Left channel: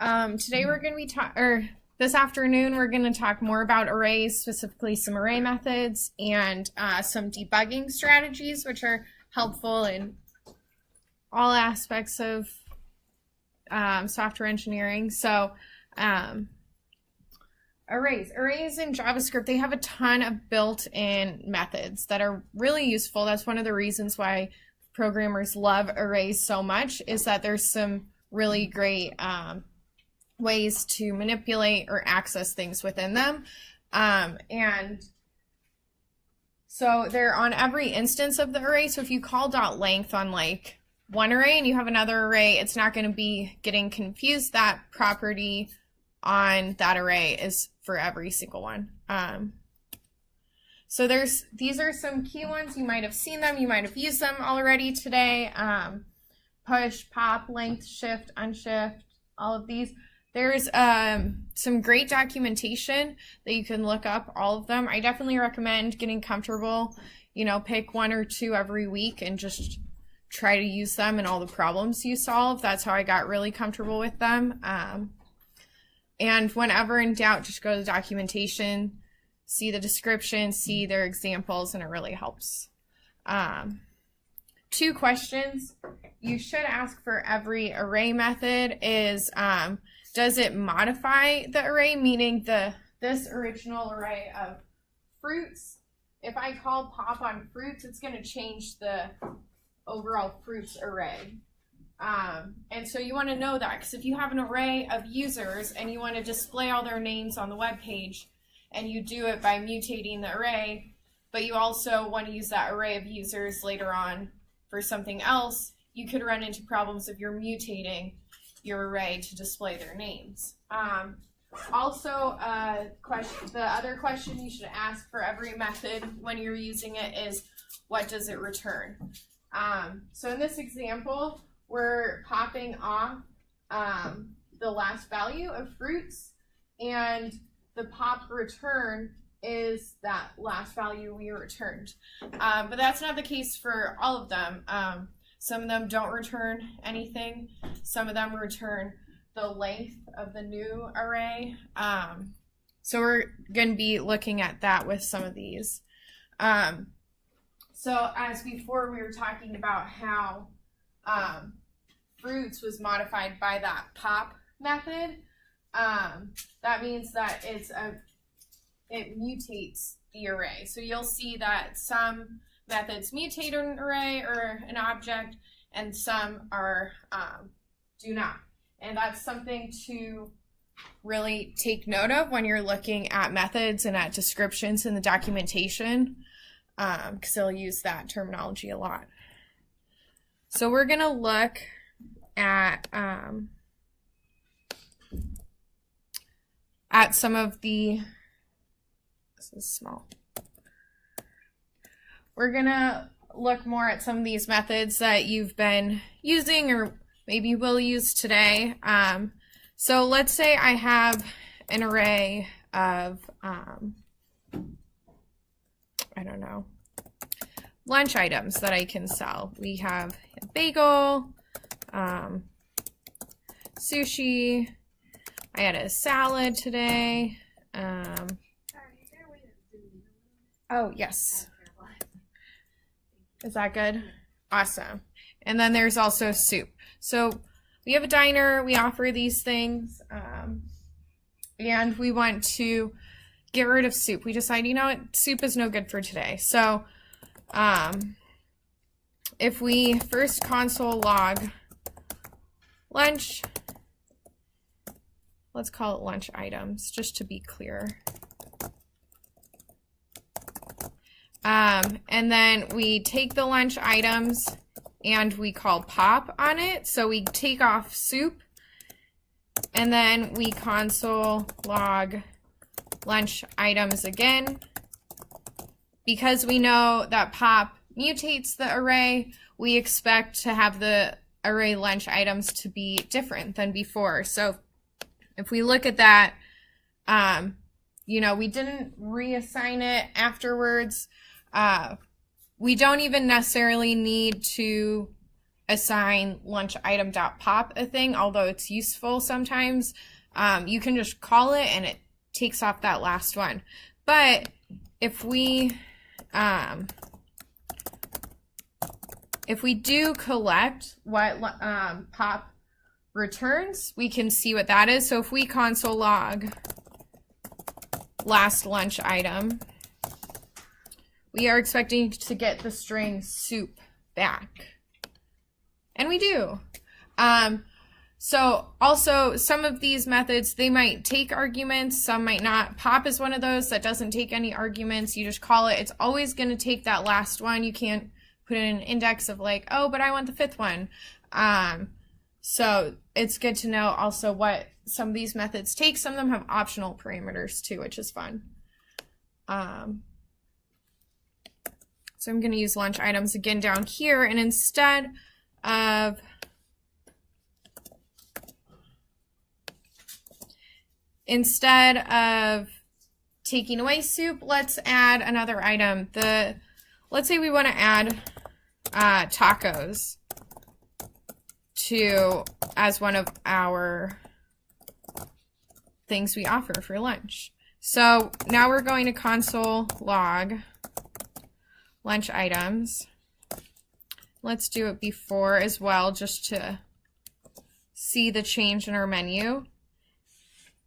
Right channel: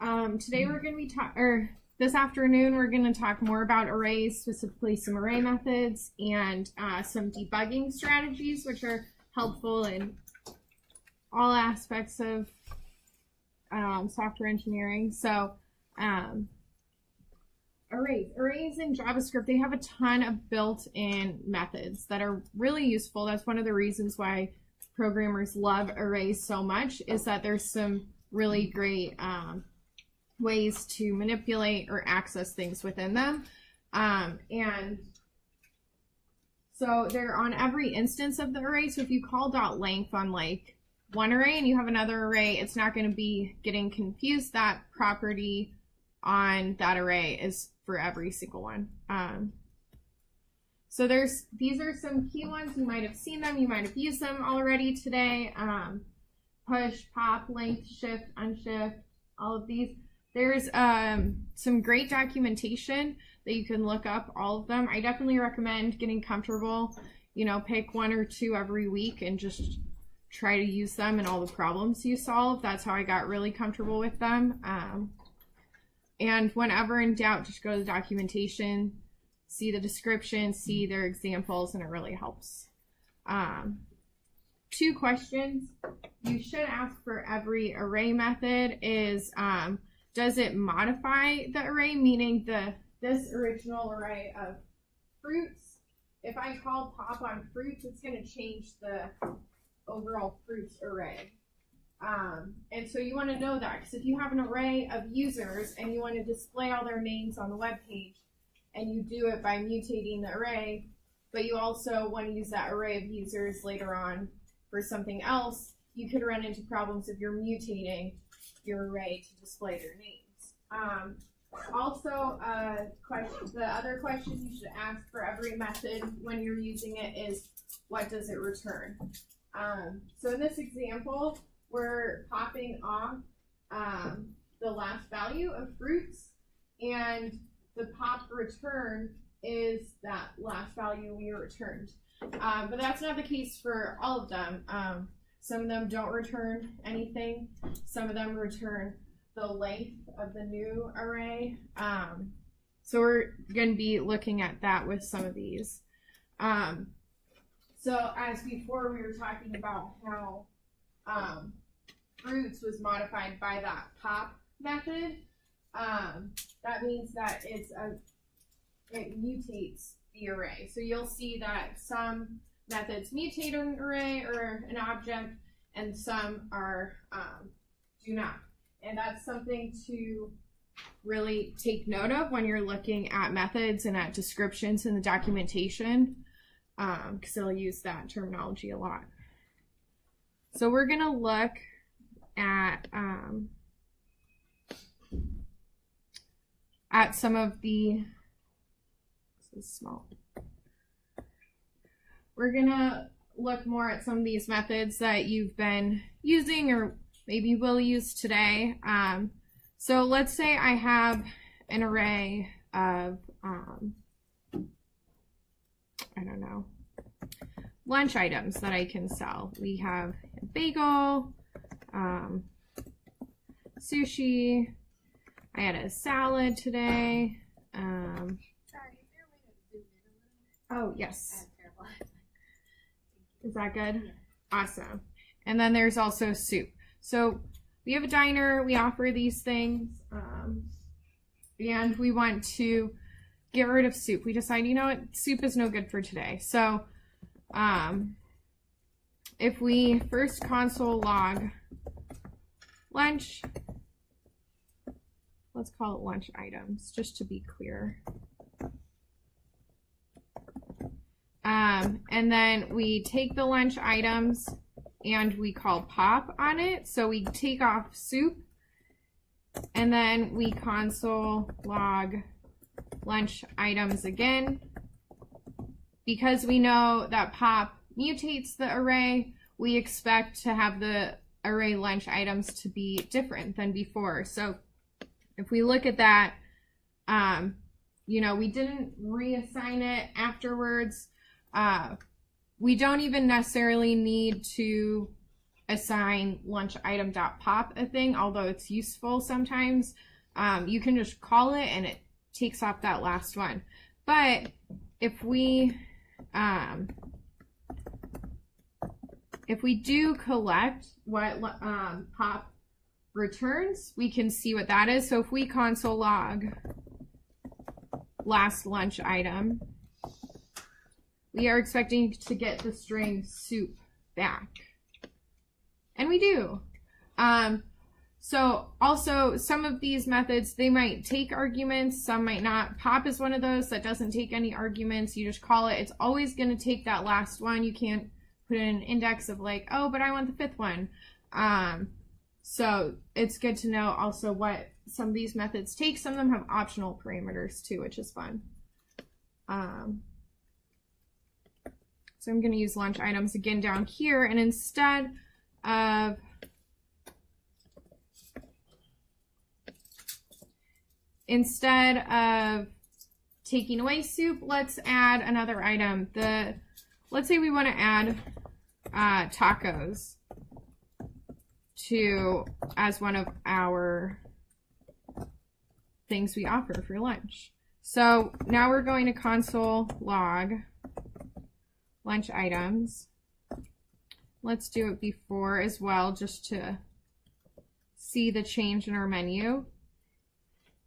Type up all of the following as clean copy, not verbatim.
Today we're going to be this afternoon we're going to talk more about arrays, specifically some array methods and some debugging strategies, which are helpful in all aspects of software engineering. So arrays in JavaScript, they have a ton of built-in methods that are really useful. That's one of the reasons why programmers love arrays so much, is that there's some really great ways to manipulate or access things within them. And so they're on every instance of the array. So if you call .length on like one array and you have another array, it's not going to be getting confused. That property on that array is for every single one. So these are some key ones. You might have seen them. You might have used them already today. Push, pop, length, shift, unshift, all of these. There's some great documentation that you can look up, all of them. I definitely recommend getting comfortable, pick one or two every week and just try to use them in all the problems you solve. That's how I got really comfortable with them. And whenever in doubt, just go to the documentation, see the description, see their examples, and it really helps. 2 questions you should ask for every array method is, does it modify the array, meaning this original array of fruits? If I call pop on fruits, it's going to change the overall fruits array. And so you want to know that, because if you have an array of users and you want to display all their names on the web page, and you do it by mutating the array, but you also want to use that array of users later on for something else, you could run into problems if you're mutating your array to display their names. Also, the other question you should ask for every method when you're using it is, what does it return? So in this example, we're popping off the last value of fruits, and the pop return is that last value we returned. But that's not the case for all of them. Some of them don't return anything. Some of them return the length of the new array. So we're going to be looking at that with some of these. So as before, we were talking about how fruits was modified by that pop method. That means that it mutates the array. So you'll see that some methods mutate an array or an object, and some are do not. And that's something to really take note of when you're looking at methods and at descriptions in the documentation, because they'll use that terminology a lot. So we're going to look at some of the, this is small. We're going to look more at some of these methods that you've been using or maybe will use today. So let's say I have an array of, I don't know, lunch items that I can sell. We have a bagel, sushi. I had a salad today. Sorry, is there a way to zoom in a little bit? Oh, yes. Is that good? Awesome. And then there's also soup. So we have a diner, we offer these things, and we want to get rid of soup. We decide, soup is no good for today. So if we first console log lunch, let's call it lunch items, just to be clear. And then we take the lunch items and we call pop on it. So we take off soup, and then we console log lunch items again. Because we know that pop mutates the array, we expect to have the array lunch items to be different than before. So if we look at that, we didn't reassign it afterwards. We don't even necessarily need to assign lunch item dot pop a thing, although it's useful sometimes. You can just call it and it takes off that last one. But if we do collect what pop returns, we can see what that is. So if we console log last lunch item, we are expecting to get the string soup back. And we do. So also some of these methods, they might take arguments, some might not. Pop is one of those that doesn't take any arguments. You just call it. It's always going to take that last one. You can't put in an index of like, oh, but I want the fifth one. So it's good to know also what some of these methods take. Some of them have optional parameters too, which is fun. So I'm going to use lunch items again down here, and instead of taking away soup, let's add another item. Let's say we want to add tacos as one of our things we offer for lunch. So now we're going to console log lunch items. Let's do it before as well, just to see the change in our menu.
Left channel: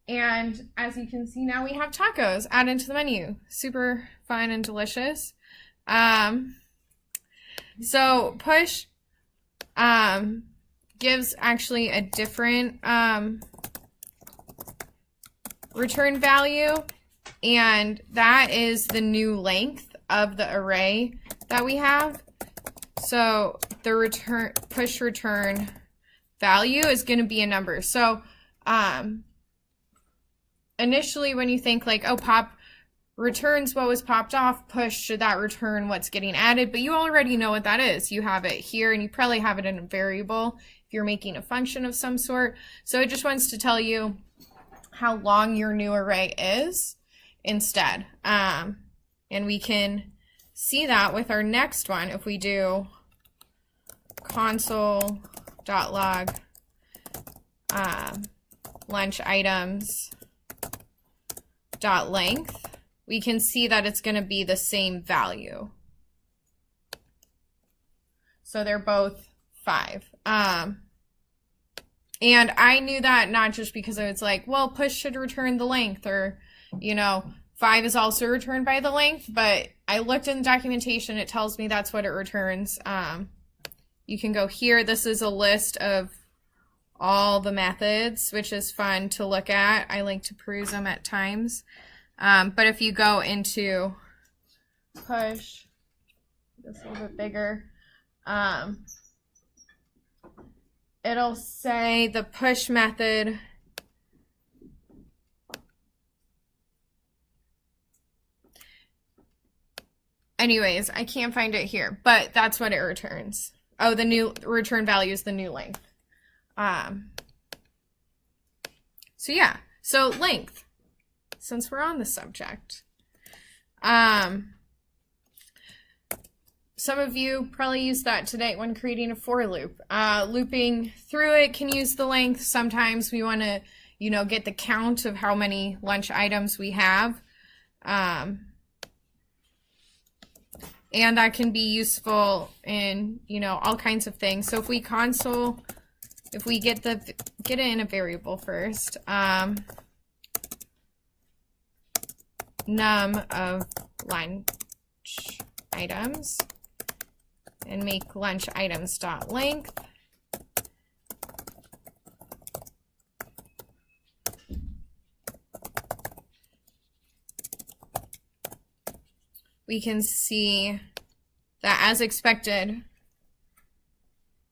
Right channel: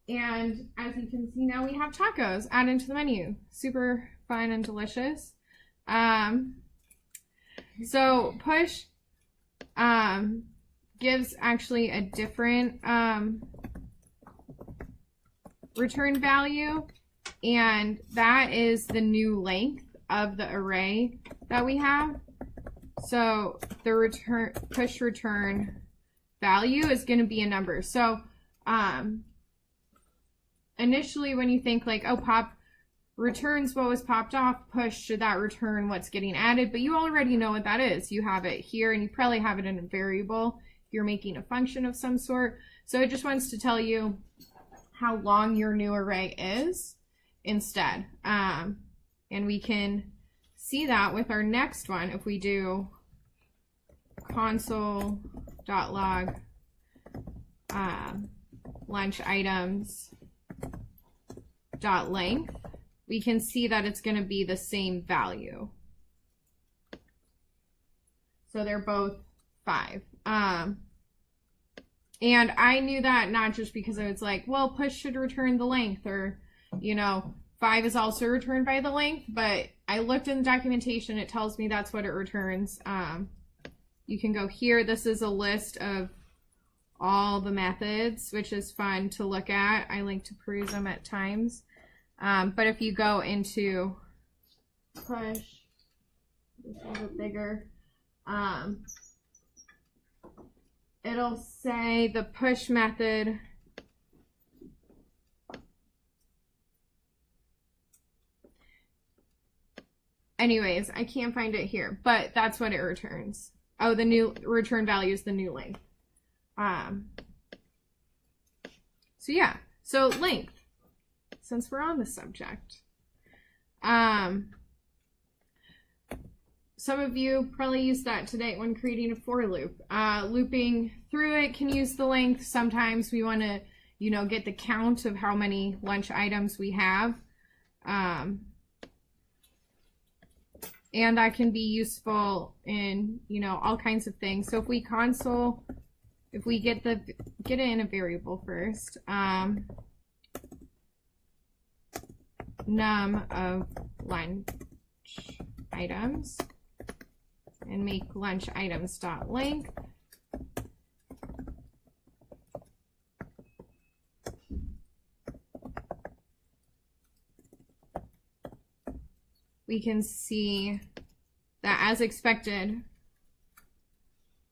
And as you can see, now we have tacos added to the menu. Super fun and delicious. So push gives actually a different return value, and that is the new length of the array that we have. So the push return value is going to be a number. So initially when you think like, oh, pop returns what was popped off, push, should that return what's getting added? But you already know what that is. You have it here, and you probably have it in a variable if you're making a function of some sort. So it just wants to tell you how long your new array is instead. And we can see that with our next one if we do console.log lunch items dot length. We can see that it's going to be the same value. So they're both 5. And I knew that not just because I was like, well, push should return the length, or, you know, 5 is also returned by the length, but I looked in the documentation, it tells me that's what it returns. You can go here. This is a list of all the methods, which is fun to look at. I like to peruse them at times. But if you go into push, this is a little bit bigger, it'll say the push method anyways, I can't find it here, but that's what it returns. Oh, the new return value is the new length. So yeah, so length, since we're on the subject. Some of you probably use that today when creating a for loop. Looping through it can use the length. Sometimes we want to, you know, get the count of how many lunch items we have. And that can be useful in, you know, all kinds of things. So if we console, if we get it in a variable first, num of lunch items, and make lunch items dot length. We can see that as expected,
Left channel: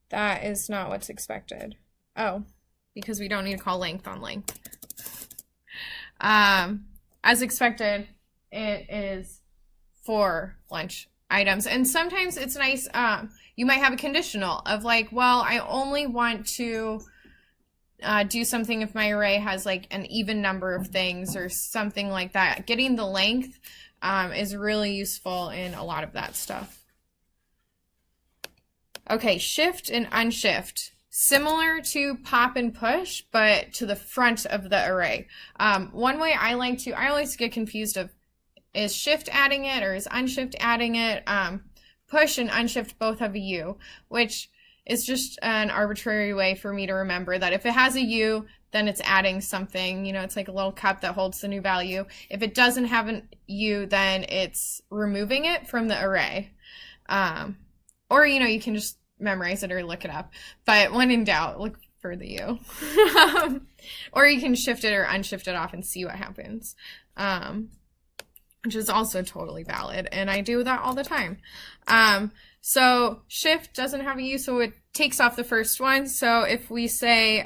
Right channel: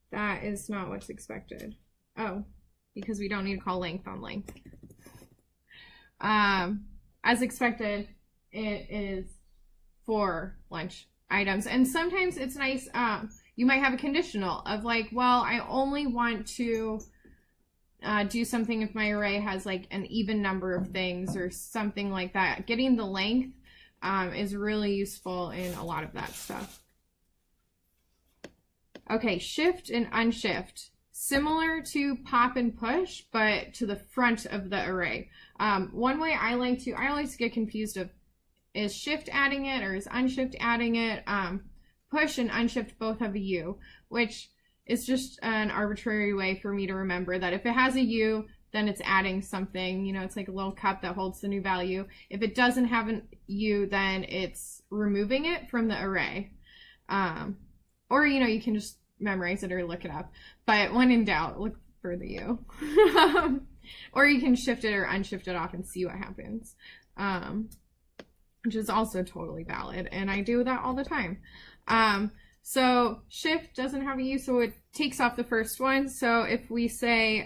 that is not what's expected. Oh, because we don't need to call length on length. As expected, it is for lunch items. And sometimes it's nice, you might have a conditional of like, well, I only want to do something if my array has like an even number of things or something like that. Getting the length is really useful in a lot of that stuff. Okay, shift and unshift. Similar to pop and push, but to the front of the array. One way I always get confused of, is shift adding it or is unshift adding it? Push and unshift both have a U, which is just an arbitrary way for me to remember that if it has a U, then it's adding something. You know, it's like a little cup that holds the new value. If it doesn't have a U, then it's removing it from the array. Or, you know, you can just memorize it or look it up. But when in doubt, look for the U. Or you can shift it or unshift it off and see what happens. Which is also totally valid. And I do that all the time. So shift doesn't have a U, so it takes off the first one. So if we say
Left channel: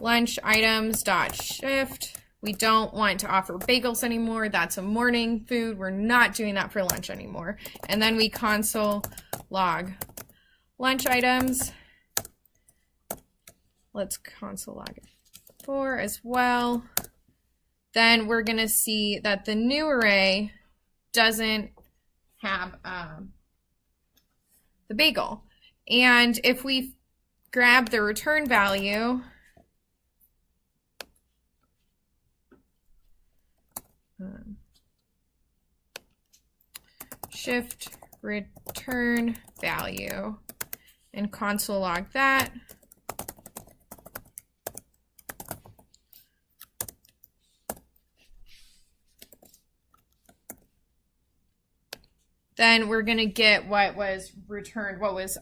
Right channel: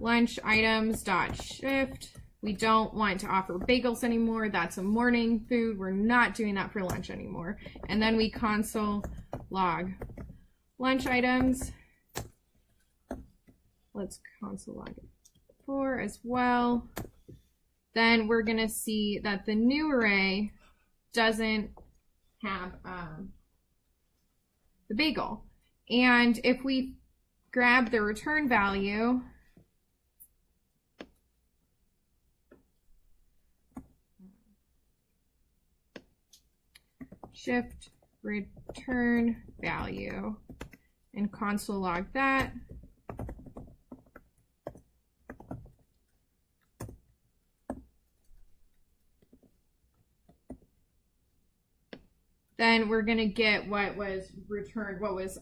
lunch items dot shift, we don't want to offer bagels anymore. That's a morning food. We're not doing that for lunch anymore. And then we console log lunch items. Let's console log it 4 as well. Then we're going to see that the new array doesn't have the bagel. And if we grab the return value, shift return value, and console log that, then we're going to get what was returned, what was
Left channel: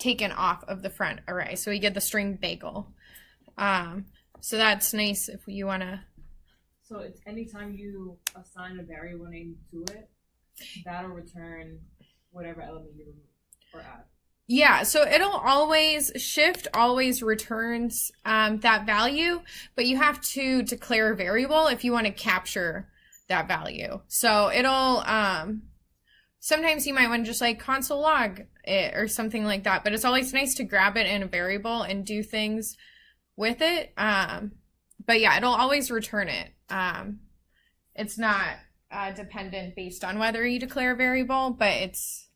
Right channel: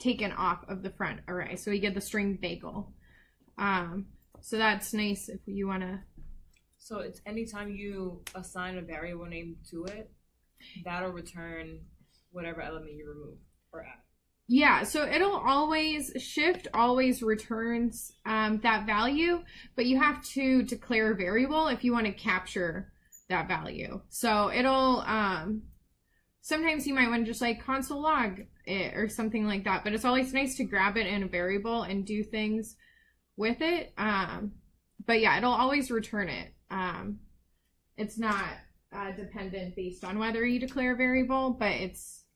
taken off of the front array. So we get the string bagel. So that's nice if you want to. So it's anytime you assign a variable name to it, that'll return whatever element you remove or add. Yeah, so it'll always, shift always returns that value, but you have to declare a variable if you want to capture that value. So it'll, sometimes you might want to just like console log it or something like that, but it's always nice to grab it in a variable and do things with it. But yeah, it'll always return it. It's not dependent based on whether you declare a variable, but it's,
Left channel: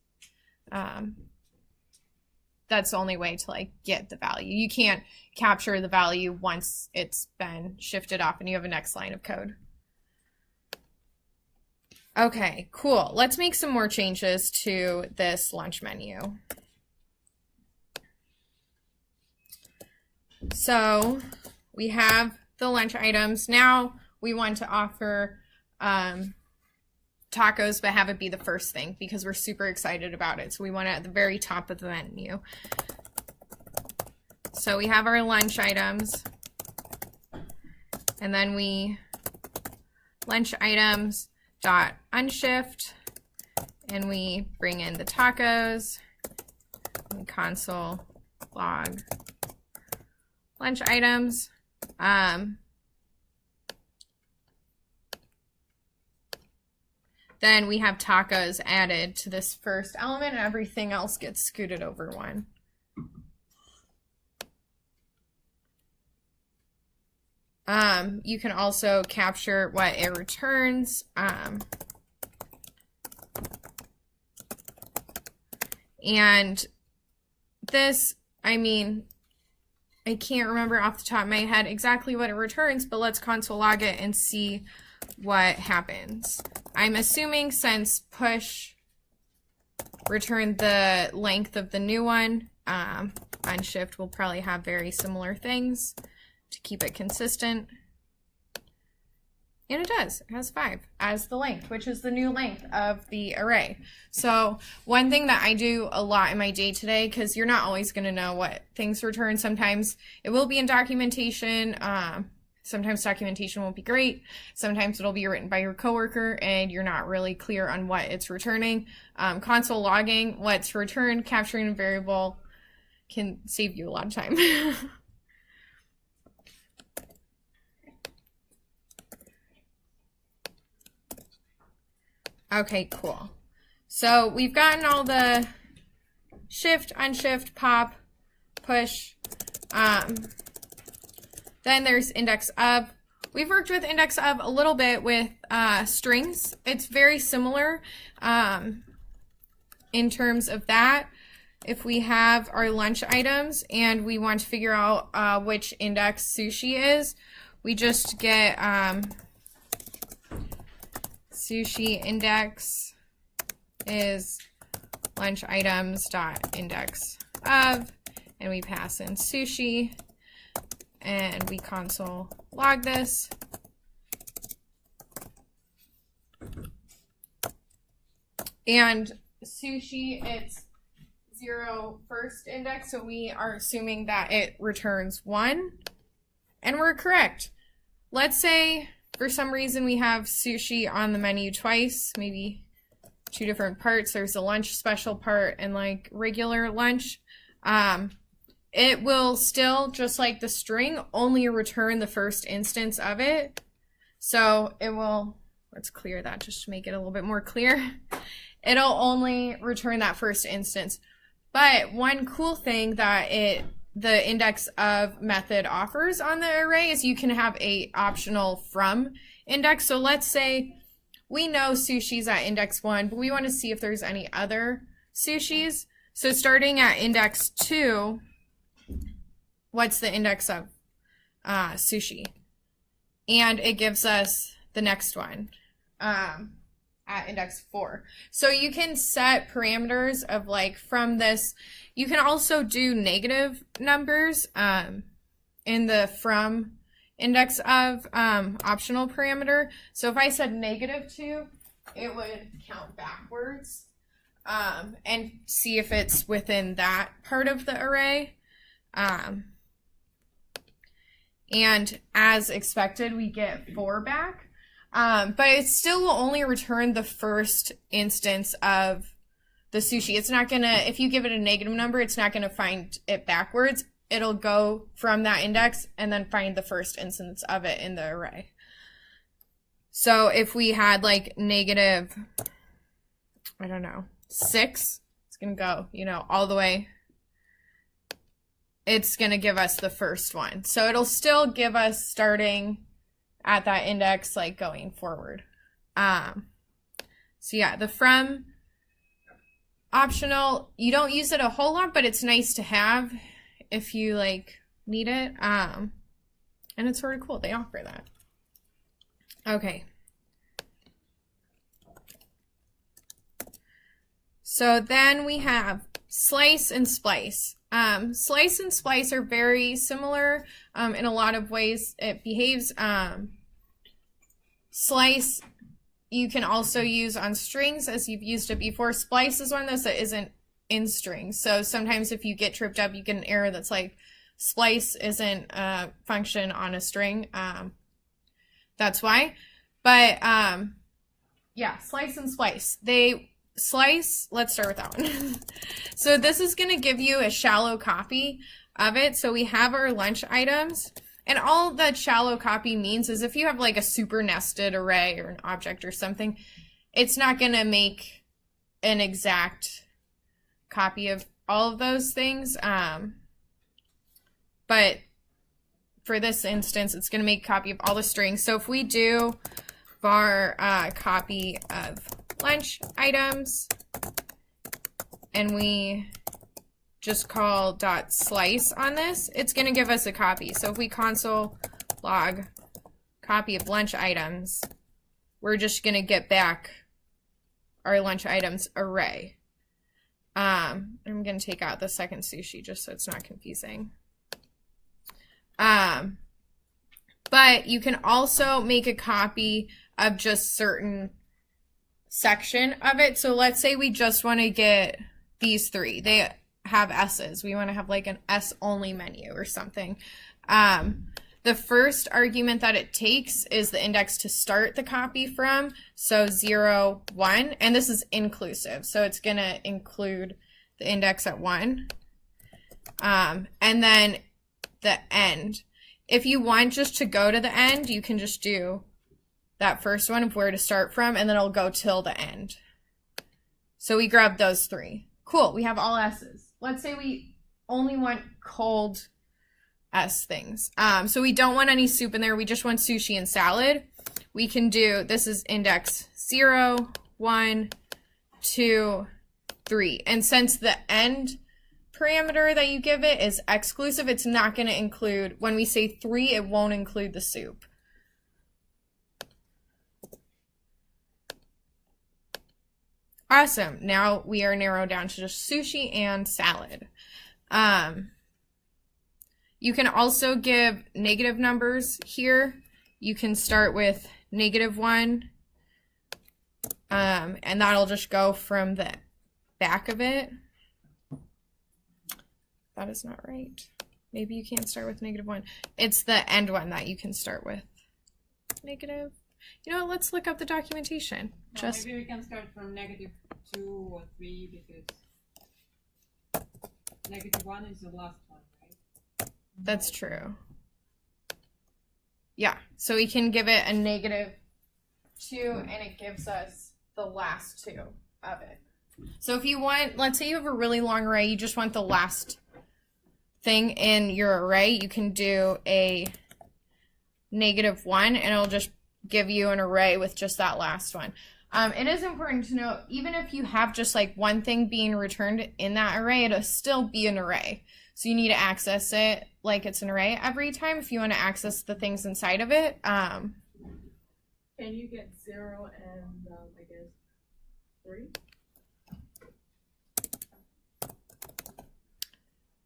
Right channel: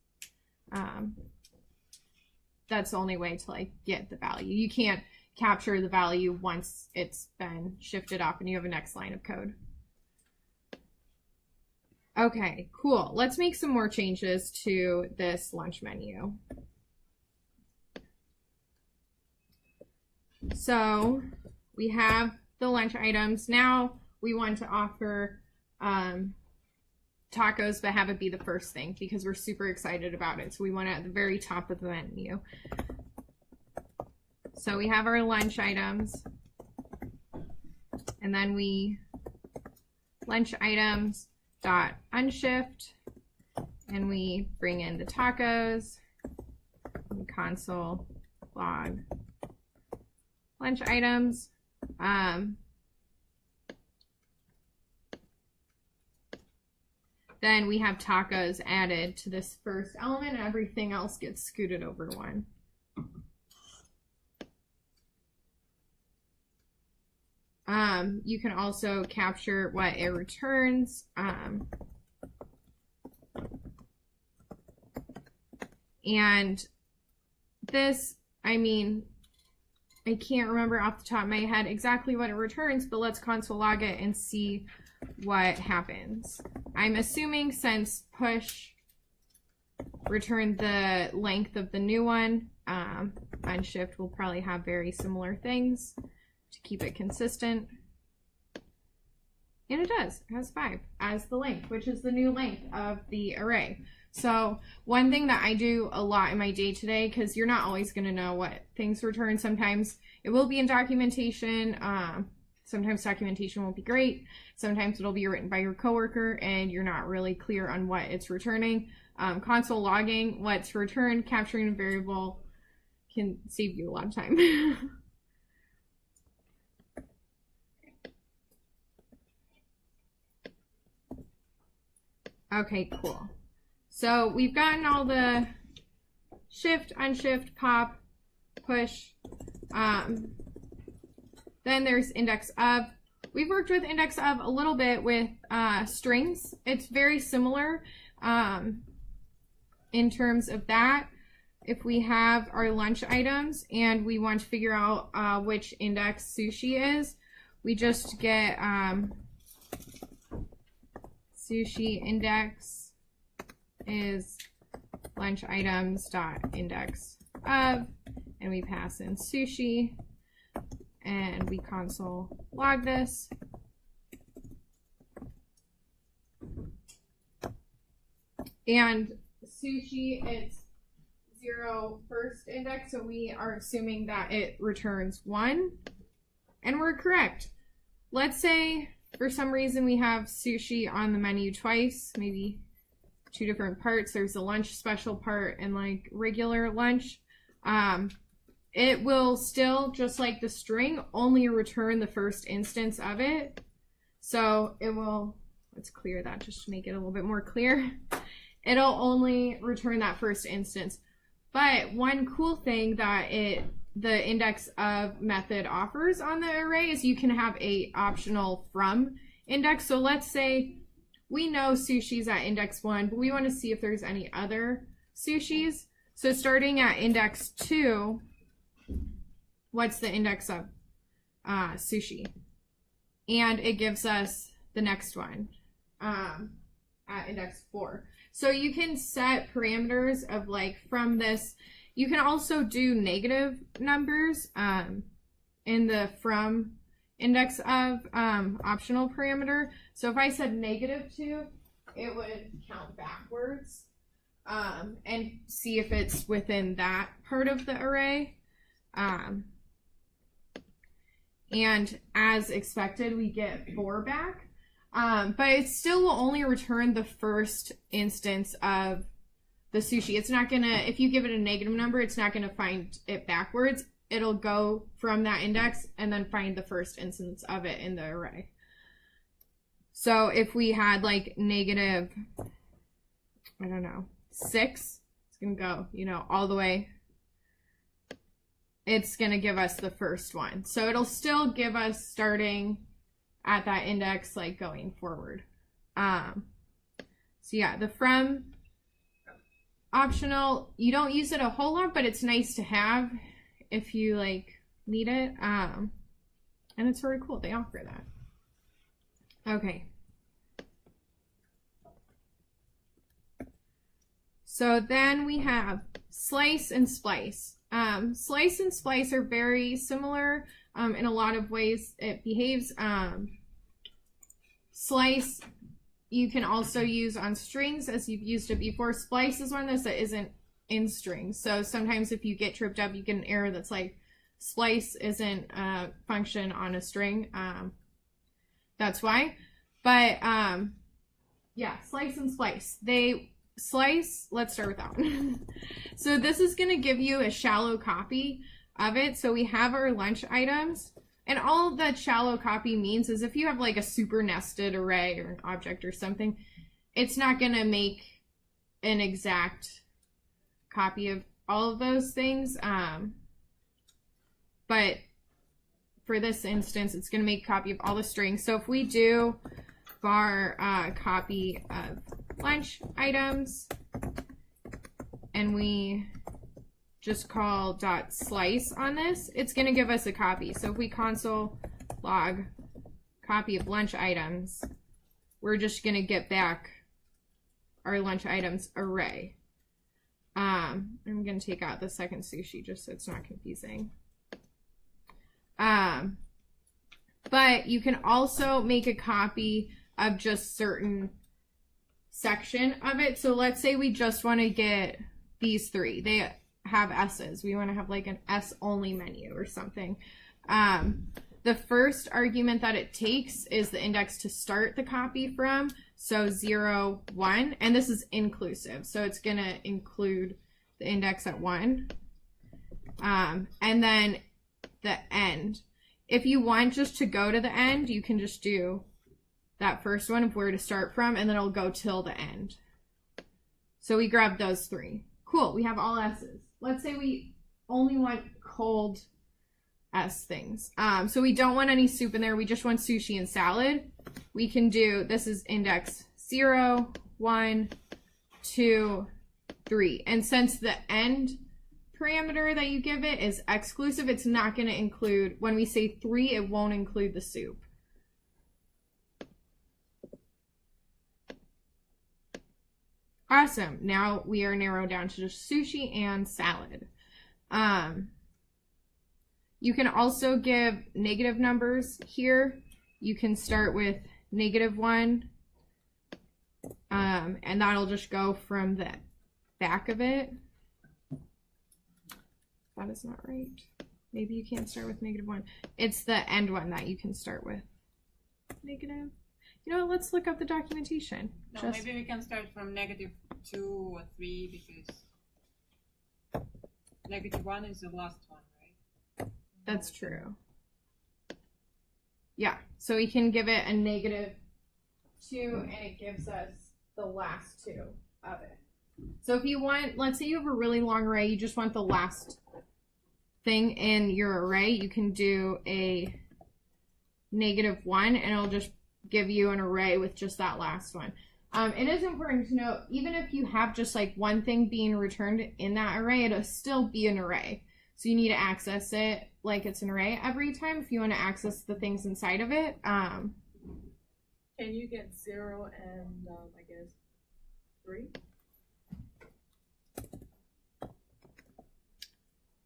that's the only way to like get the value. You can't capture the value once it's been shifted off and you have a next line of code. Okay, cool. Let's make some more changes to this lunch menu. So we have the lunch items. Now we want to offer tacos, but have it be the first thing because we're super excited about it. So we want it at the very top of the menu. So we have our lunch items, and then we lunch items dot unshift, and we bring in the tacos, and console log lunch items. Then we have tacos added to this first element, and everything else gets scooted over one. You can also capture what it returns. And this, I mean, I can't remember off the top of my head exactly what it returns, but let's console log it and see what happens. I'm assuming since push returned the length of the new one, unshift will probably have very similar things to keep it consistent. And it does. It has 5 as the length, which is the new length of the array. So one thing that I do a lot in my day-to-day, because you're not always going to know what things return. Sometimes it will be in documentation. Sometimes documentation won't be great. Sometimes it'll be written by your coworker and you're not really clear on what it's returning. Console logging what's returned, capturing a variable can save you a lot of time. Okay, cool. So we've gotten all the shift, unshift, pop, push. Then there's indexOf. We've worked with indexOf a little bit with strings. It's very similar. in terms of that, if we have our lunch items and we want to figure out which index sushi is, we just get sushi index is lunch items dot index of, and we pass in sushi, and we console log this. And sushi, it's 0 first index, so we are assuming that it returns 1, and we're correct. Let's say for some reason we have sushi on the menu twice, maybe 2 different parts. There's a lunch special part and like regular lunch. It will still, just like the string, only return the first instance of it. So it will, let's clear that just to make it a little bit more clear. It'll only return that first instance. But one cool thing that the index of method offers on the array is you can have a optional from index. So let's say we know sushi's at index 1, but we want to see if there's any other sushis. So starting at index 2, what's the index of sushi? And it gives us the next one at index 4. So you can set parameters of like from this. You can also do negative numbers in the from index of optional parameter. So if I said -2, it would count backwards and see if it's within that part of the array. And as expected, we get 4 back. But it still will only return the first instance of the sushi. It's not gonna, if you give it a negative number, it's not gonna find it backwards. It'll go from that index and then find the first instance of it in the array. So if we had like negative, I don't know, 6, it's gonna go, all the way. It's gonna give us the first one. So it'll still give us starting at that index, like going forward. So yeah, the from optional, you don't use it a whole lot, but it's nice to have if you like need it. And it's sort of cool, they offer that. Okay. So then we have slice and splice. Slice and splice are very similar in a lot of ways. It behaves. Slice you can also use on strings as you've used it before. Splice is one of those that isn't in strings. So sometimes if you get tripped up, you get an error that's like splice isn't a function on a string. That's why. But yeah, slice and splice. Slice, let's start with that one. So this is going to give you a shallow copy of it. So we have our lunch items, and all that shallow copy means is if you have like a super nested array or an object or something, it's not going to make an exact copy of all of those things. But for this instance, it's going to make a copy of all the strings. So if we do var copy of lunch items, and we just call dot slice on this, it's going to give us a copy. So if we console log copy of lunch items, we're just going to get back our lunch items array. I'm going to take out the second sushi just so it's not confusing. But you can also make a copy of just certain section of it. So let's say we just want to get these 3. They have S's. We want to have like an S only menu or something. The first argument that it takes is the index to start the copy from. So 0, 1, and this is inclusive. So it's going to include the index at 1. And then the end. If you want just to go to the end, you can just do that first one of where to start from, and then it'll go till the end. So we grab those 3. Cool, we have all S's. Let's say we only want cold S things. So we don't want any soup in there, we just want sushi and salad. We can do, this is index 0, 1, 2, 3. And since the end parameter that you give it is exclusive, it's not going to include, when we say 3, it won't include the soup. Awesome. Now we are narrowed down to just sushi and salad. You can also give negative numbers here. You can start with -1, and that'll just go from the back of it. That is not right. Maybe you can't start with -1. It's the end one that you can start with. Negative. You know what, let's look up the documentation. No, maybe we can start from -2 or 3 because -1 is the last one, right? That's true. Yeah, so we can give it a -2 and it gives us the last 2 of it. So if you want, let's say you have a really long array, you just want the last thing in your array, you can do a -1 and it'll just give you an array with just that last one. It is important to note, even if you have just like one thing being returned in that array, it'll still be an array. So you need to access it like it's an array every time if you want to access the things inside of it. Can you get 0 and I guess 3?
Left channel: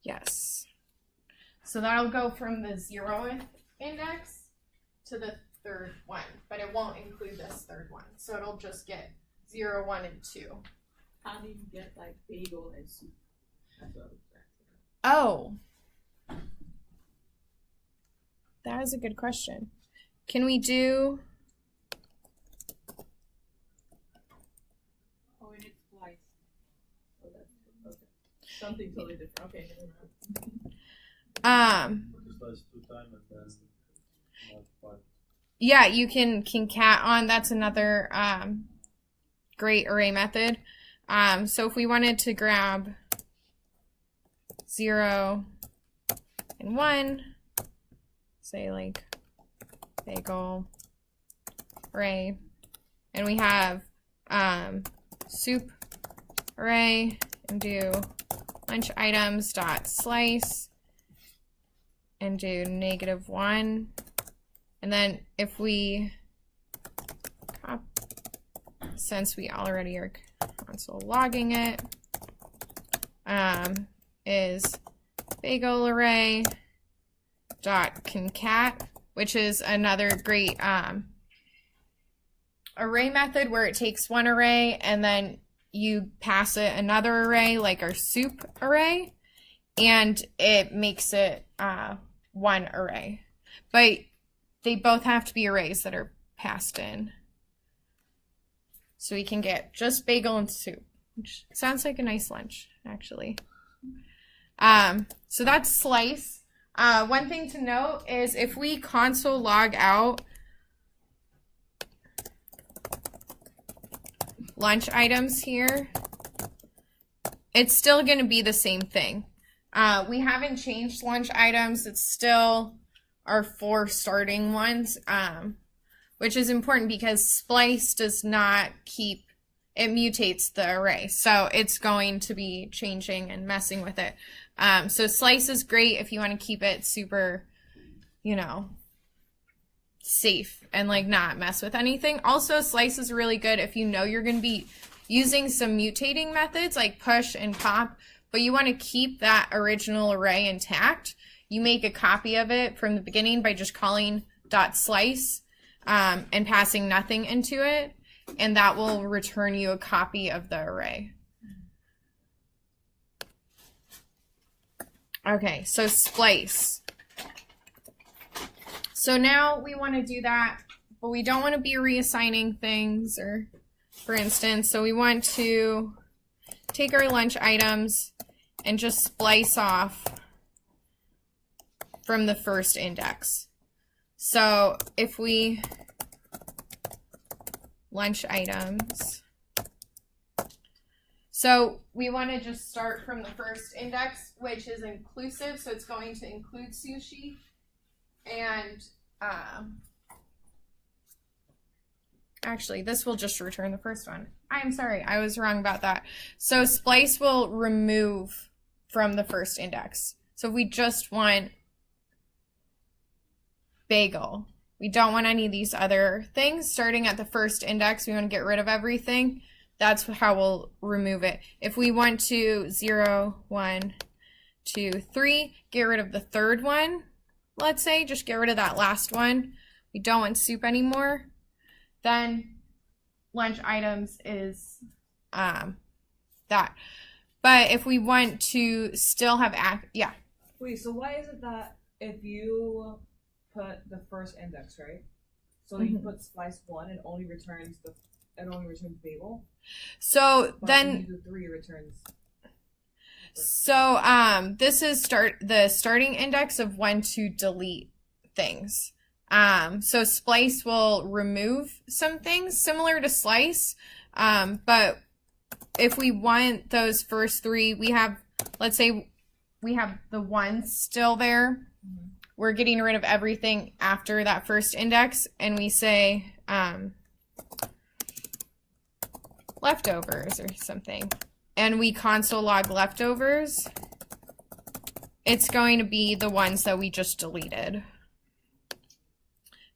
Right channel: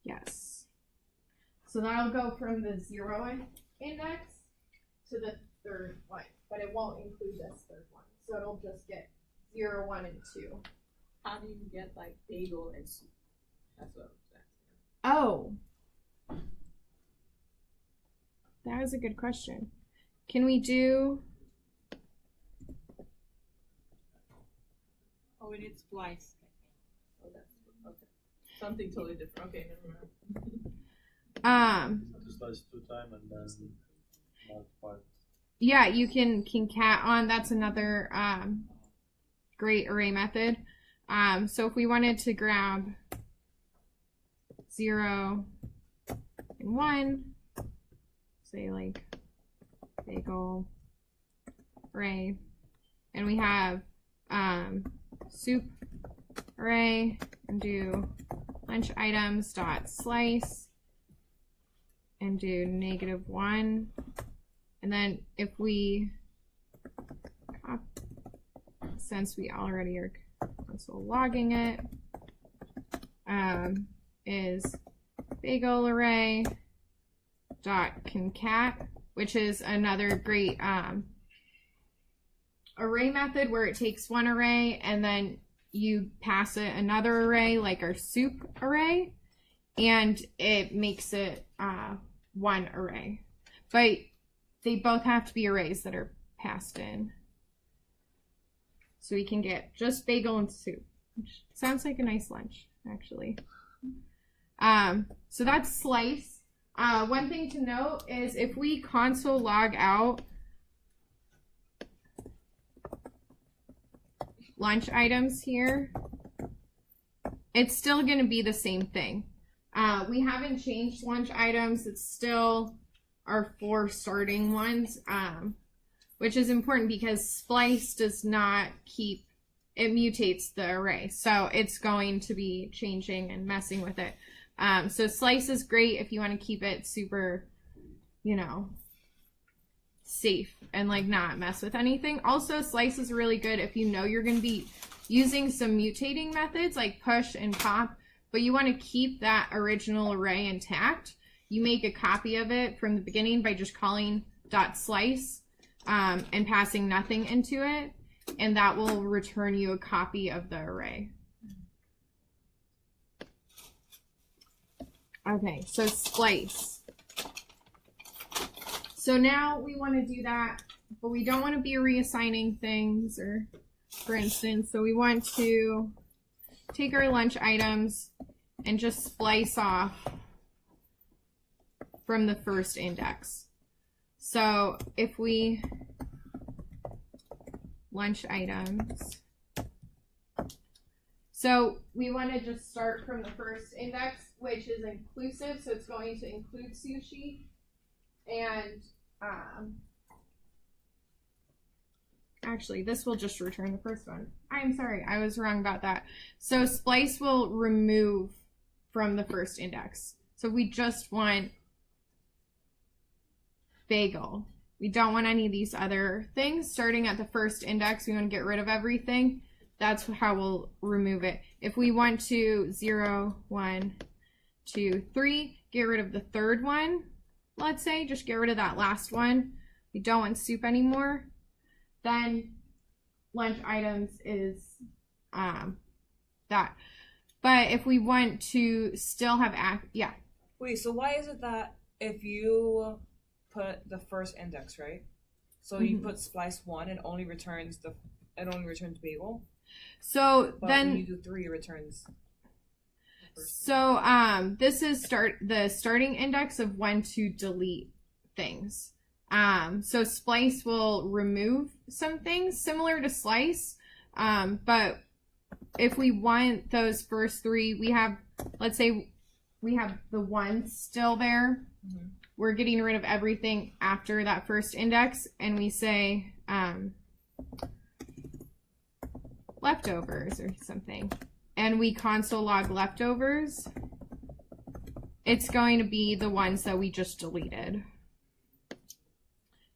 Yes. So that'll go from the 0th index to the 3rd one, but it won't include this 3rd one. So it'll just get 0, 1, and 2. How do you get like bagel and soup? That's what I was asking. Oh. That is a good question. Can we do... Oh, we need splice. Oh, that's okay. Something totally different. Okay, never mind. Slice 2 times and then multiply. Yeah, you can cat on. That's another great array method. So if we wanted to grab 0 and 1, say like bagel array, and we have soup array, and do lunch items dot slice and do -1. And then if we, since we already are console logging it, is bagel array dot concat, which is another great array method where it takes one array and then you pass it another array like our soup array, and it makes it one array. But they both have to be arrays that are passed in. So we can get just bagel and soup, which sounds like a nice lunch, actually. So that's slice. One thing to note is if we console log out lunch items here, it's still going to be the same thing. We haven't changed lunch items. It's still our 4 starting ones, which is important because splice does not keep, it mutates the array. So it's going to be changing and messing with it. So slice is great if you want to keep it super, you know, safe and like not mess with anything. Also, slice is really good if you know you're going to be using some mutating methods like push and pop, but you want to keep that original array intact. You make a copy of it from the beginning by just calling .slice and passing nothing into it, and that will return you a copy of the array. Okay, so splice. So now we want to do that, but we don't want to be reassigning things, or for instance, so we want to take our lunch items and just splice off from the first index. So if we lunch items, so we want to just start from the first index, which is inclusive, so it's going to include sushi, and Actually, this will just return the first one. I'm sorry, I was wrong about that. So splice will remove from the first index. So if we just want bagel, we don't want any of these other things. Starting at the first index, we want to get rid of everything. That's how we'll remove it. If we want to 0, 1, 2, 3, get rid of the third one, let's say, just get rid of that last one. We don't want soup anymore. Then lunch items is that. But if we want to still have, yeah. Wait, so why is it that if you put the first index, right? So you put splice 1, it only returns bagel. So But then when you do 3, it returns. So this is the starting index of when to delete things. So splice will remove some things similar to slice, but if we want those first 3, we have, let's say we have the 1 still there. Mm-hmm. We're getting rid of everything after that first index, and we say leftovers or something, and we console log leftovers. It's going to be the ones that we just deleted.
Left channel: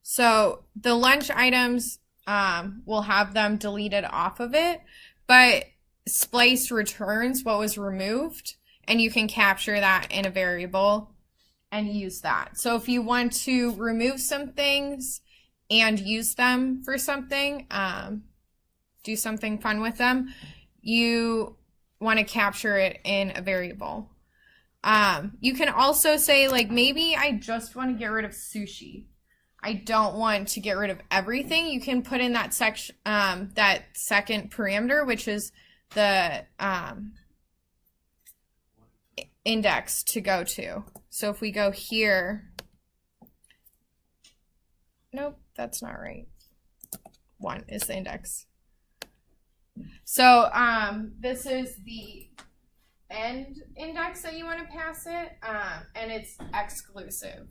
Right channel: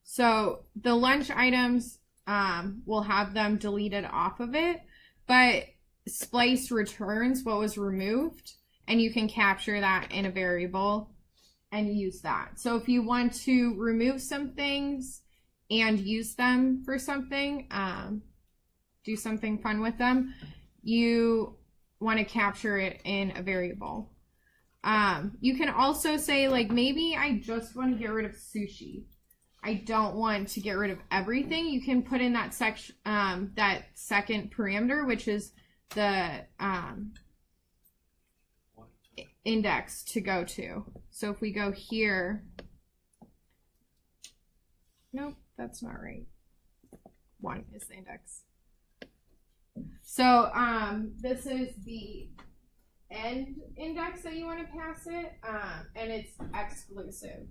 So the lunch items, we'll have them deleted off of it, but splice returns what was removed, and you can capture that in a variable and use that. So if you want to remove some things and use them for something, do something fun with them, you want to capture it in a variable. You can also say, like, maybe I just want to get rid of sushi. I don't want to get rid of everything. You can put in that section, that second parameter, which is the index to go to. So if we go here, nope, that's not right. 1 is the index. So this is the end index that you want to pass it, and it's exclusive.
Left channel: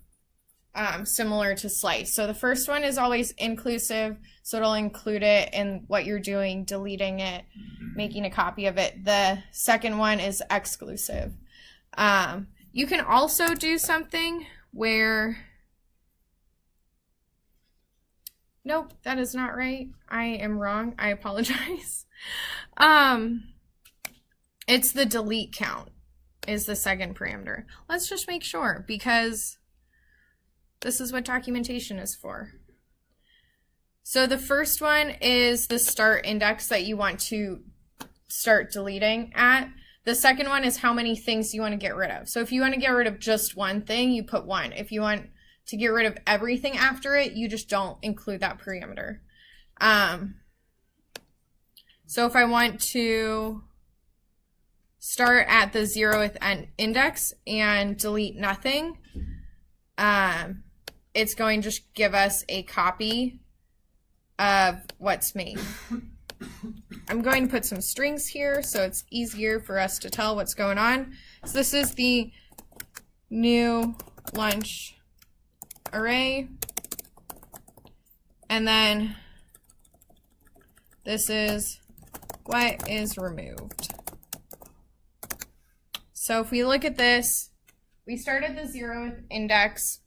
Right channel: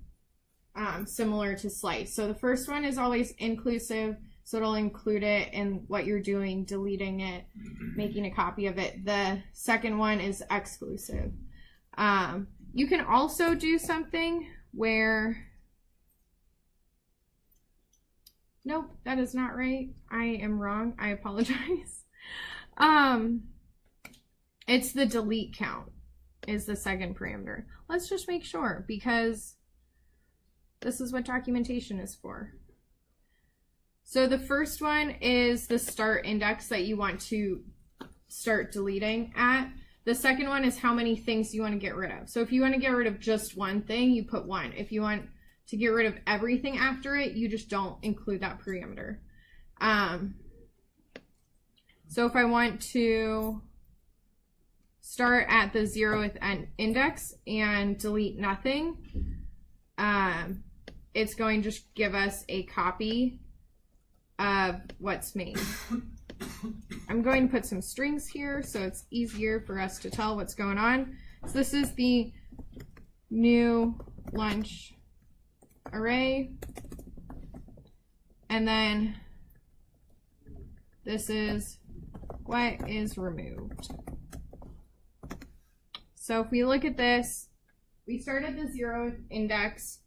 Similar to slice. So the first one is always inclusive, so it'll include it in what you're doing, deleting it, making a copy of it. The second one is exclusive. You can also do something where, nope, that is not right. I am wrong. I apologize. It's the delete count is the second parameter. Let's just make sure, because this is what documentation is for. So the first one is the start index that you want to start deleting at. The second one is how many things you want to get rid of. So if you want to get rid of just one thing, you put 1. If you want to get rid of everything after it, you just don't include that parameter. So if I want to start at the 0th index and delete nothing, it's going to just give us a copy of what's made. I'm going to put some strings here so it's easier for us to tell what's going on. So this is the new lunch array, and then this is what is removed. So if we look at this, we start at the 0th index,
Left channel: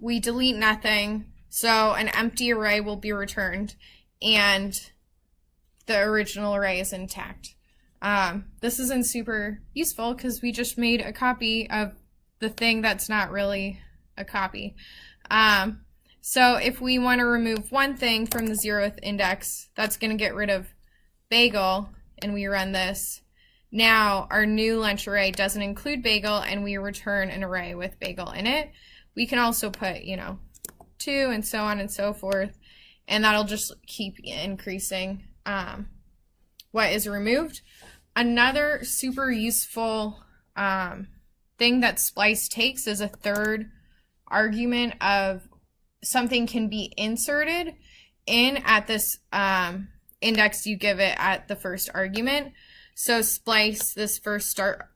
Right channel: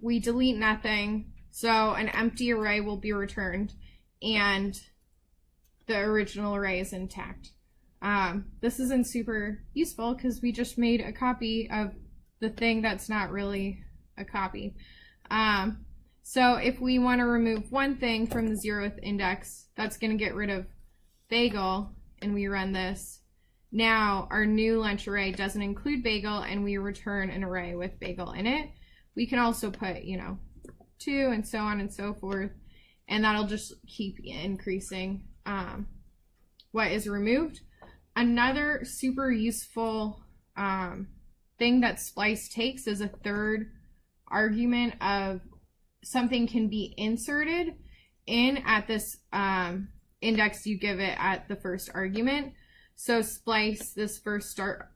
we delete nothing, so an empty array will be returned, and the original array is intact. This isn't super useful because we just made a copy of the thing that's not really a copy. So if we want to remove one thing from the 0th index, that's going to get rid of bagel, and we run this. Now our new lunch array doesn't include bagel, and we return an array with bagel in it. We can also put, 2 and so on and so forth, and that'll just keep increasing what is removed. Another super useful thing that splice takes is a third argument of something can be inserted in at this index you give it at the first argument. So splice this first start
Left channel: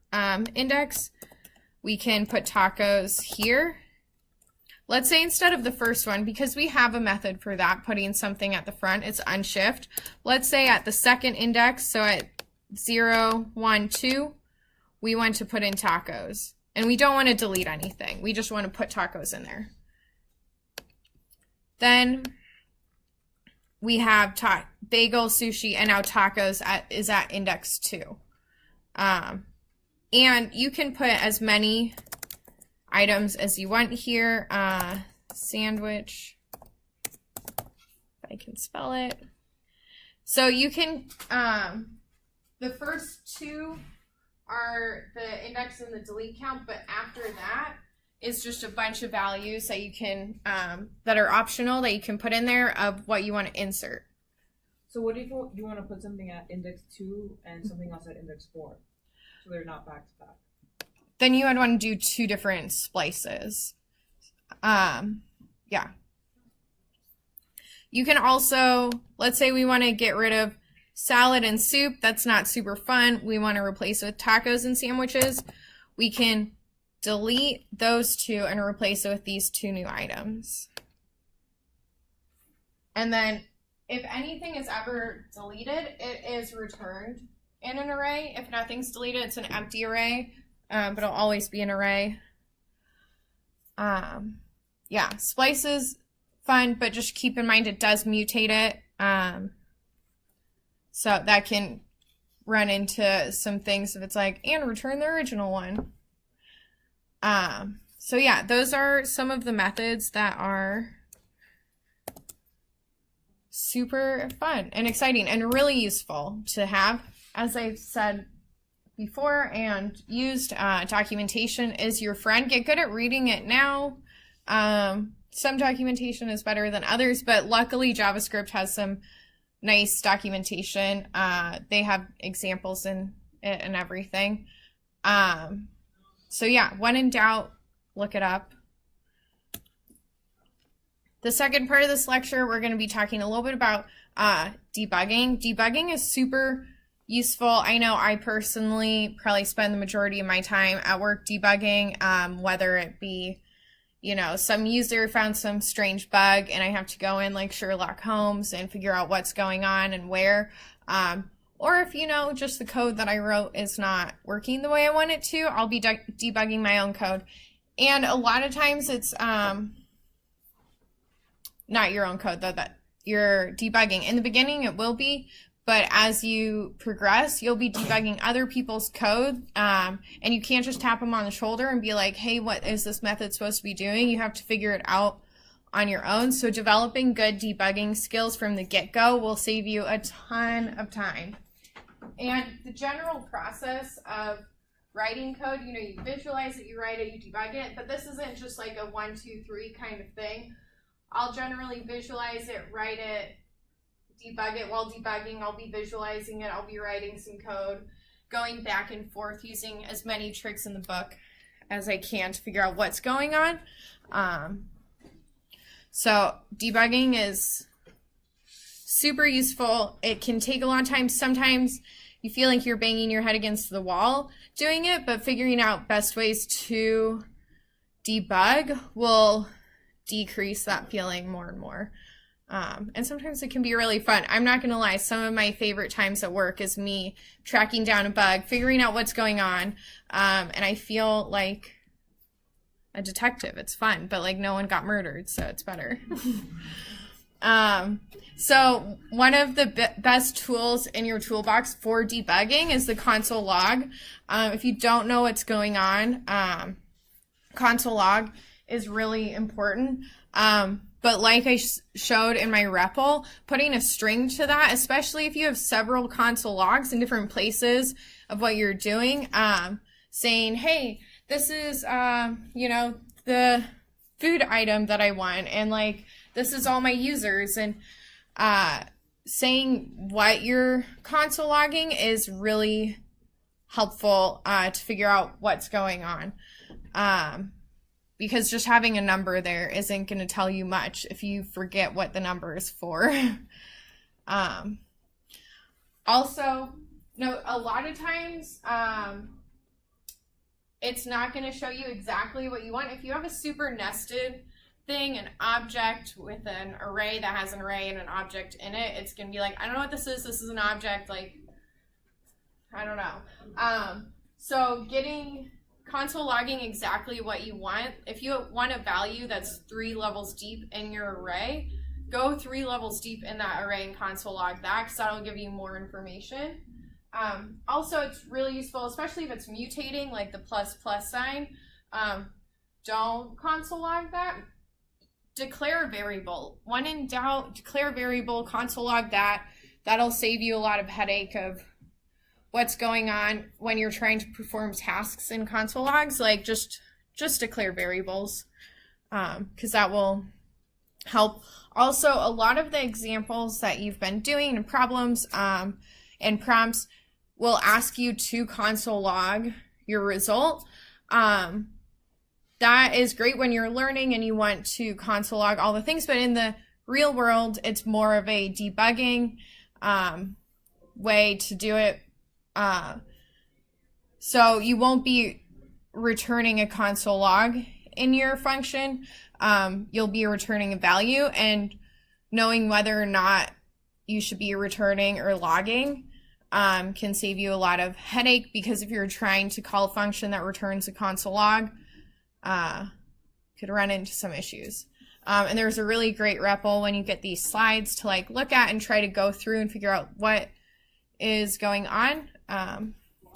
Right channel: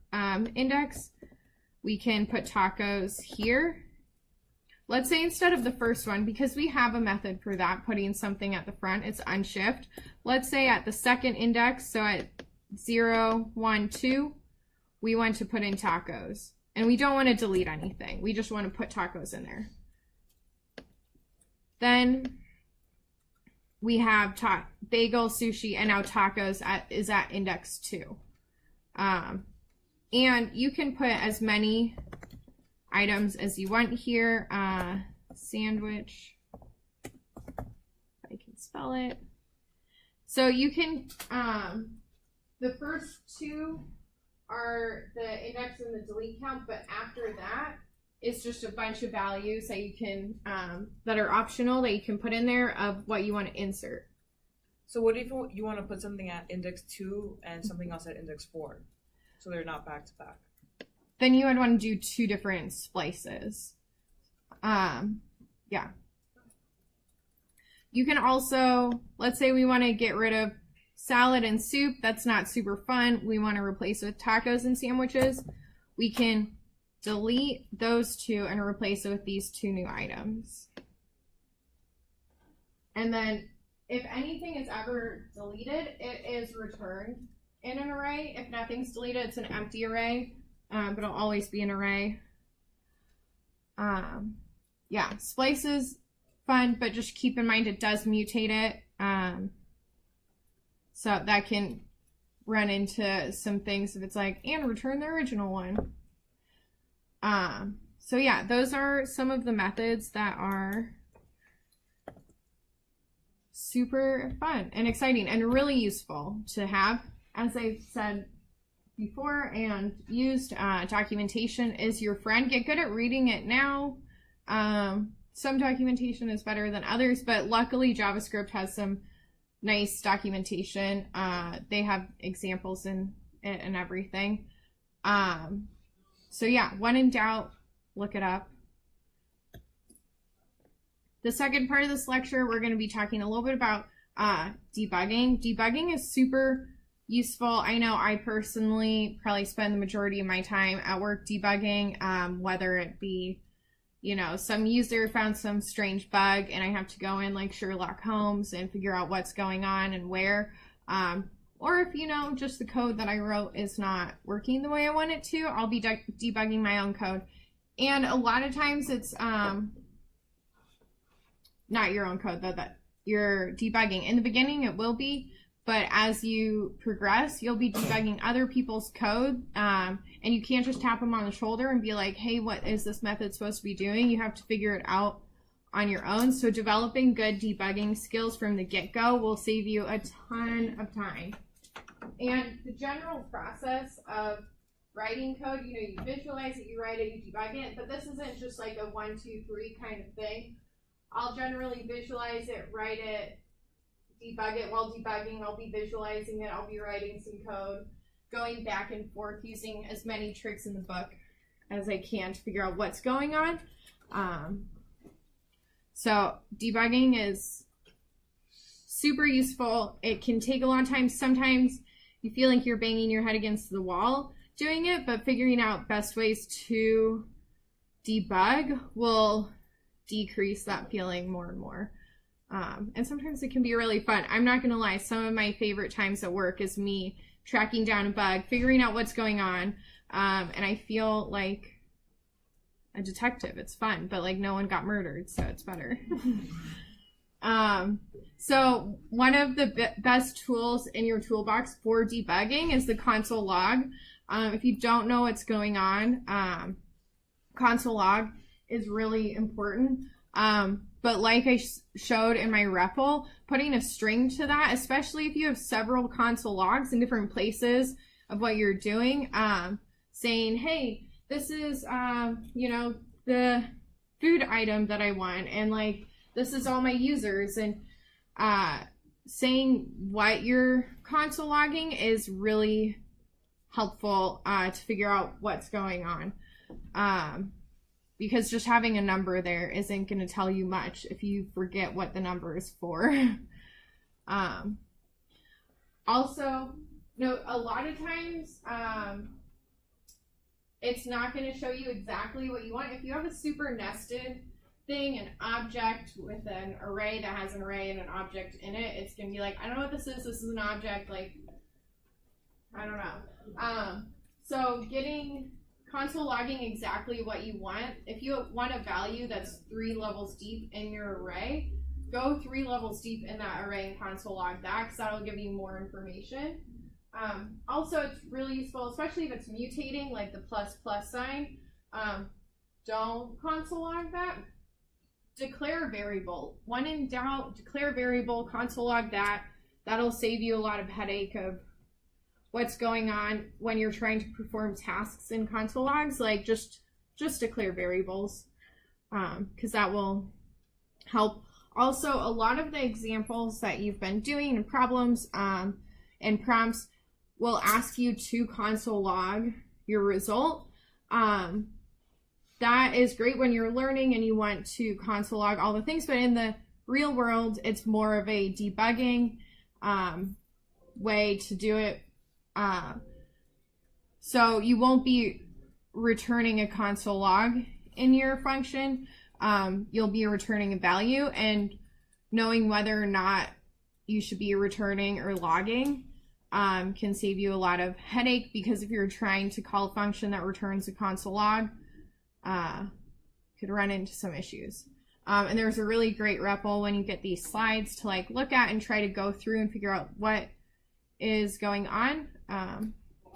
index, we can put tacos here. let's say instead of the first one, because we have a method for that, putting something at the front, it's unshift. Let's say at the second index, so at 0, 1, 2, we want to put in tacos. And we don't want to delete anything. We just want to put tacos in there. Then we have bagel, sushi, and now tacos is at index 2. And you can put as many items as you want here. Sandwich, if I can spell it. So you can, the first two are the index and the delete count, but after that is just a bunch of values that you can, that are optional that you can put in there of what you want to insert. So what if you want to put something at index 2 and something else at index 4? So they're not back to back. Then you would want to do 2 different splices. Yeah. You can also, let's say we want to get rid of salad and soup. That's not super fun. We want to replace it with tacos and sandwiches. We can delete those 2 and replace it with these 2 new items. And then if anything is ever deleted, it is returned in an array. If nothing's deleted, it's an empty array, but it'll always be an array. Yeah, splice is fun, but just keep in mind it does mutate it. So that can run into some things if it's like, and return the original one. So yeah, those are some of the methods that are super fun and exciting and really useful to have. As I've said before and used, documentation is your friend. Get good at reading it now. Some documentation is better than others, but luckily JavaScript has some nice documentation. They have examples in it and everything. So yeah, when in doubt, look it up. The second part of this lecture, we're going to be talking a little bit about debugging. Debugging is super useful. I know I personally probably spend the majority of my time at work debugging, whether it be, you know, some user found some strange bug and I have to go in like Sherlock Holmes and figure out what's going on and where. Or if, you know, just the code that I wrote is not working the way I want it to, I'll be debugging my own code. And a lot of times it's not your own code, though, that you're debugging. In the beginning, it will be, but as you progress, you'll be debugging other people's code, and you can't just tap them on the shoulder and be like, hey, what is this method supposed to be doing? You have to figure it out on your own. So developing good debugging skills from the get-go will save you a ton of time. And the general process of writing code, you know, you visualize it, you write it, you debug it, but this isn't just like a 1, 2, 3 kind of thing. I'll generally visualize it, write it, debug it. While debugging, I'll be visualizing it, I'll be writing some code, going back and forth using as many tricks in the book as I can to figure out what's going on. So debugging is super useful. It can take a long time. Sometimes you feel like you're banging your head against the wall doing it, but figuring out best ways to debug will decrease that feeling more and more. And sometimes it can be really fun. I'm not gonna lie, some of my favorite times at work is me tracking down a bug, figuring out what's going on, and I feel like a detective. It's fun, but like no one got murdered, so it's better. So one of the best tools in your toolbox for debugging is the console log. If you don't know what's going on, console log is really important. But like I showed in my REPL, putting a string to that, especially if you have several console logs in different places of what you're doing, saying, hey, this is, you know, the food item that I want, and like, this is all my users, and saying what you're console logging is really helpful to figure out what's going on. Because just having a number there isn't going to tell you much if you forget what the number is for. Also, no, a lot of times it's not going to show you exactly what you want. If you have a super nested thing, an object with an array that has an array and an object in it, it's going to be like, I don't know what this is an object, like, I don't know. So getting console logging exactly what you want, if you want a value that's 3 levels deep in your array, go 3 levels deep in that array and console log that, because that'll give you more information. Also, it's really useful, especially if it's mutating, like the ++ sign. Don't console log that. Declare a variable. When in doubt, declare a variable, console log that. That'll save you a lot of headache of what's going on when you're trying to perform tasks in console logs. Like just declare variables, because that will help. Also, a lot of the examples that you've been doing and problems and prompts will ask you to console log your result. That is great when you're learning and you want to console log all the things, but in the real world, it's more of a debugging way to do it. So you won't be returning a console log in your function. You'll be returning a value, and knowing whether or not you should be returning or logging can save you a lot of headache, because if you're trying to call a function that returns a console log, could run into some issues. And there's a really great REPL when you get these slides to like look at and try to go through and figure out what is going on.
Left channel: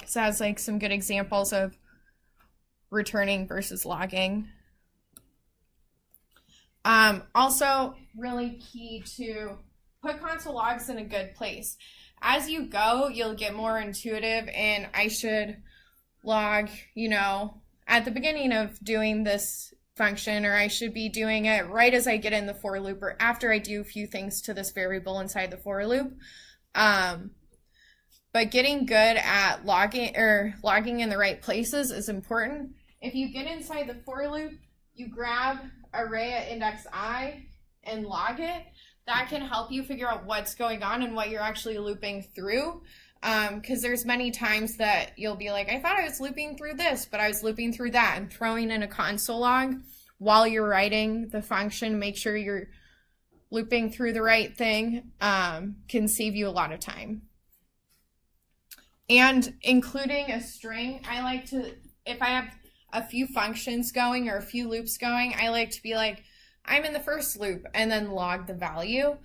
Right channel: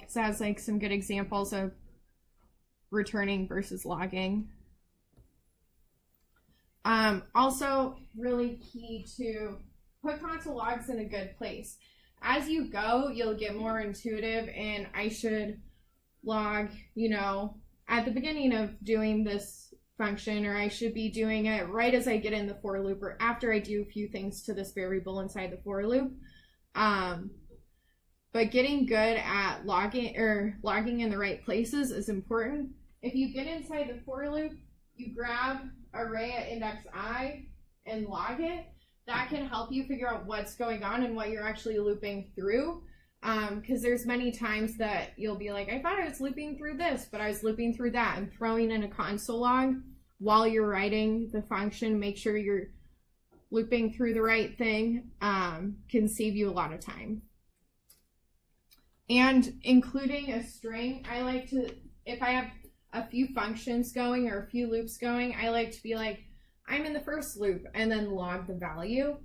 So it has like some good examples of returning versus logging. Also really key to put console logs in a good place. As you go, you'll get more intuitive, and I should log, you know, at the beginning of doing this function, or I should be doing it right as I get in the for loop, or after I do a few things to this variable inside the for loop. But getting good at logging in the right places is important. If you get inside the for loop, you grab array at index I and log it. That can help you figure out what's going on and what you're actually looping through. Because there's many times that you'll be like, I thought I was looping through this, but I was looping through that. And throwing in a console log while you're writing the function, make sure you're looping through the right thing, can save you a lot of time. And including a string, I like to, if I have a few functions going or a few loops going, I like to be like, I'm in the first loop, and then log the value.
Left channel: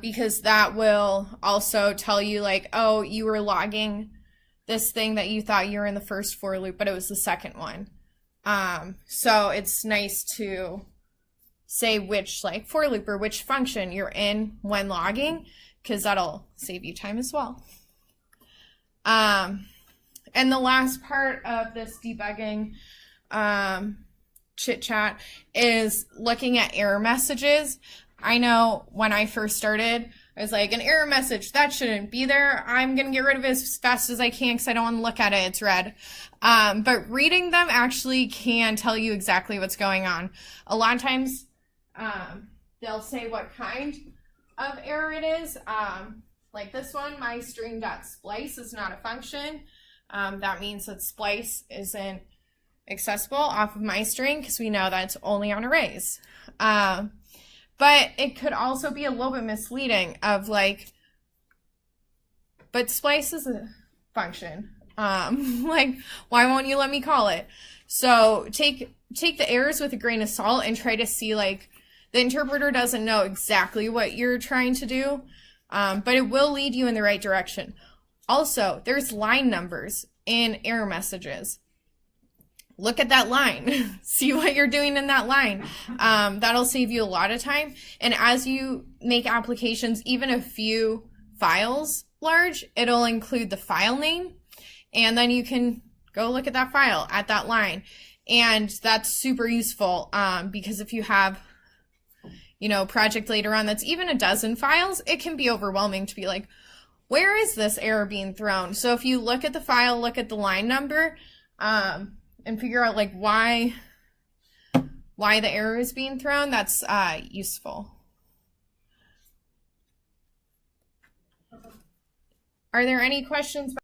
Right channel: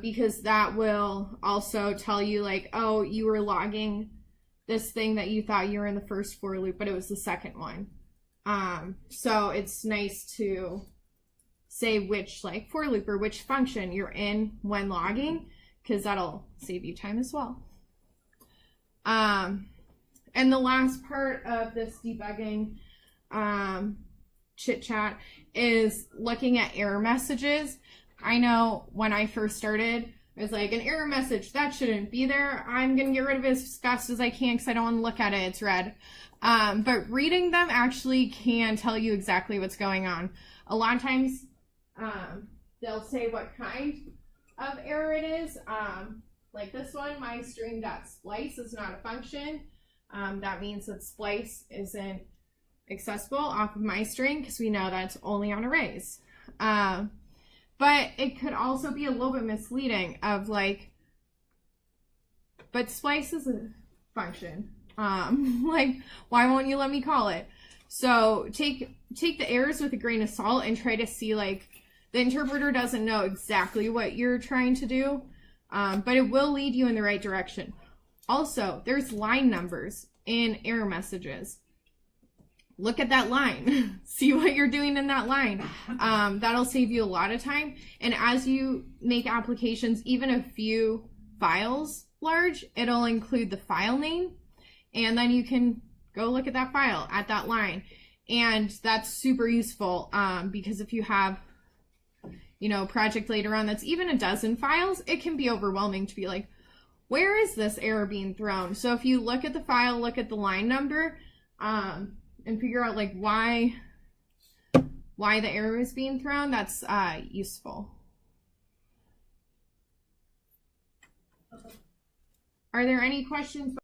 Because that will also tell you like, oh, you were logging this thing that you thought you were in the first for loop, but it was the second one. So it's nice to say which like for loop or which function you're in when logging, because that'll save you time as well. And the last part of this debugging chit chat is looking at error messages. I know when I first started, I was like, an error message, that shouldn't be there. I'm going to get rid of it as fast as I can because I don't want to look at it. It's red. But reading them actually can tell you exactly what's going on. A lot of times they'll say what kind of error it is. Like this one, my string.splice is not a function. That means that splice isn't accessible off of my string because we know that it's only on arrays. But it could also be a little bit misleading of like, but splice is a function. Like, why won't you let me call it? So take the errors with a grain of salt and try to see like, the interpreter doesn't know exactly what you're trying to do, but it will lead you in the right direction. Also, there's line numbers in error messages. Look at that line, see what you're doing in that line. That'll save you a lot of time. And as you make applications, even a few files large, it'll include the file name. And then you can go look at that file at that line. And that's super useful because if you have, you know, a project later on that's even a dozen files, it can be overwhelming to be like, where is this error being thrown? So if you look at the file, look at the line number, and figure out like why the error is being thrown, that's useful. Are there any questions?